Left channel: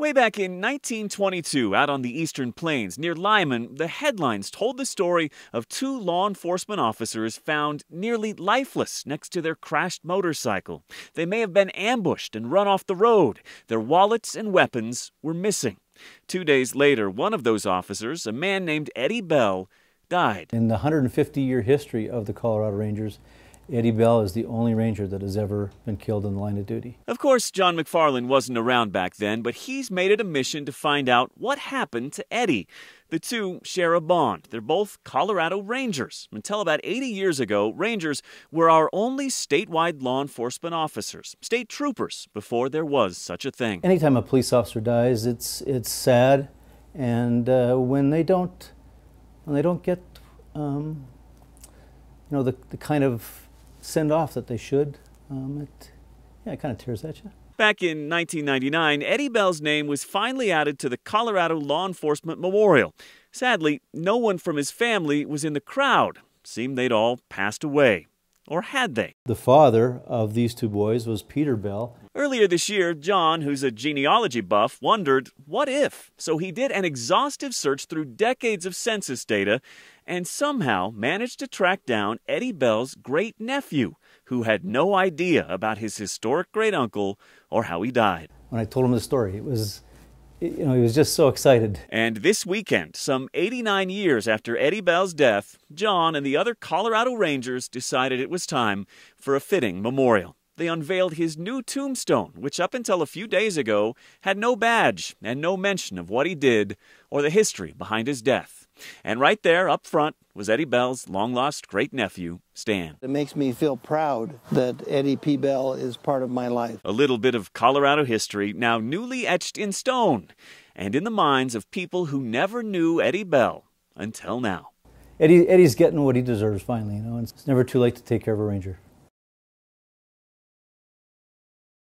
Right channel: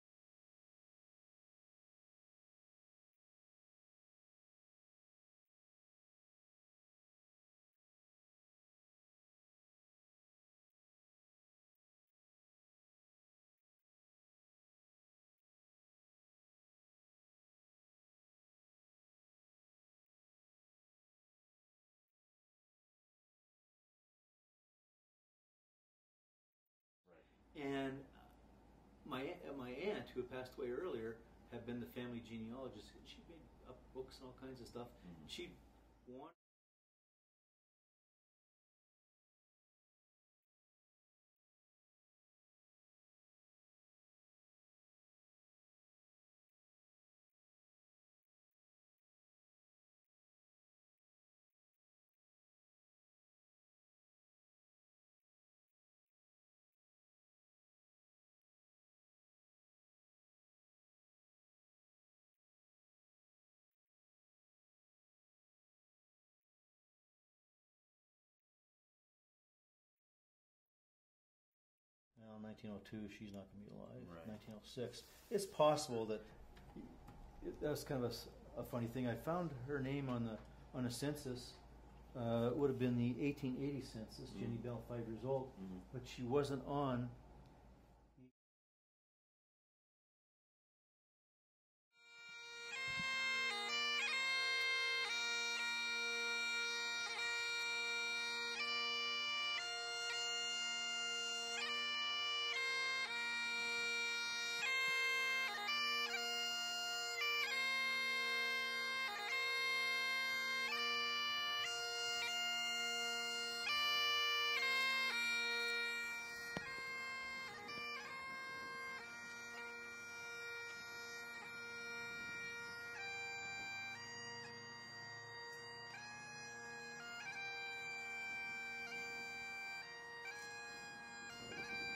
Way back in 1922, out on the eastern plains near Lyman, the headlines told the story of two law enforcement officers found nearly lifeless next to their crashed motorcycle. They may have been ambushed and run off the road. Their wallets and weapons were missing. 2 days later, one of those officers, a man named Eddie Bell, died. In the 150-year history of the Colorado Rangers, Eddie Bell is the only ranger that has ever been killed in the line of duty. Of course, John McFarland wasn't around back then, but he's made it a mission to find out what happened to Eddie. The two share a bond. They're both Colorado Rangers. Until about 80 years ago, Rangers were our only statewide law enforcement officers, state troopers, before there was such a thing. Anytime a police officer dies, it's sad, and when they don't get the kind of send off that they should, it kind of tears at you. Back in 1999, Eddie Bell's name was finally added to the Colorado Law Enforcement Memorial. Sadly, no one from his family was in the crowd. Seemed they'd all passed away. Or had they? The father of these two boys was Peter Bell. Earlier this year, John, who's a genealogy buff, wondered, what if? So he did an exhaustive search through decades of census data and somehow managed to track down Eddie Bell's great-nephew, who had no idea about his historic great-uncle or how he died. When I told him the story, he was just so excited. And this weekend, some 89 years after Eddie Bell's death, John and the other Colorado Rangers decided it was time for a fitting memorial. They unveiled his new tombstone, which up until a few days ago had no badge and no mention of what he did or the history behind his death. And right there up front was Eddie Bell's long-lost great-nephew, Stan. It makes me feel proud that Eddie P. Bell is part of my life. A little bit of Colorado history now newly etched in stone and in the minds of people who never knew Eddie Bell until now. Eddie's getting what he deserves finally. It's never too late to take care of a ranger.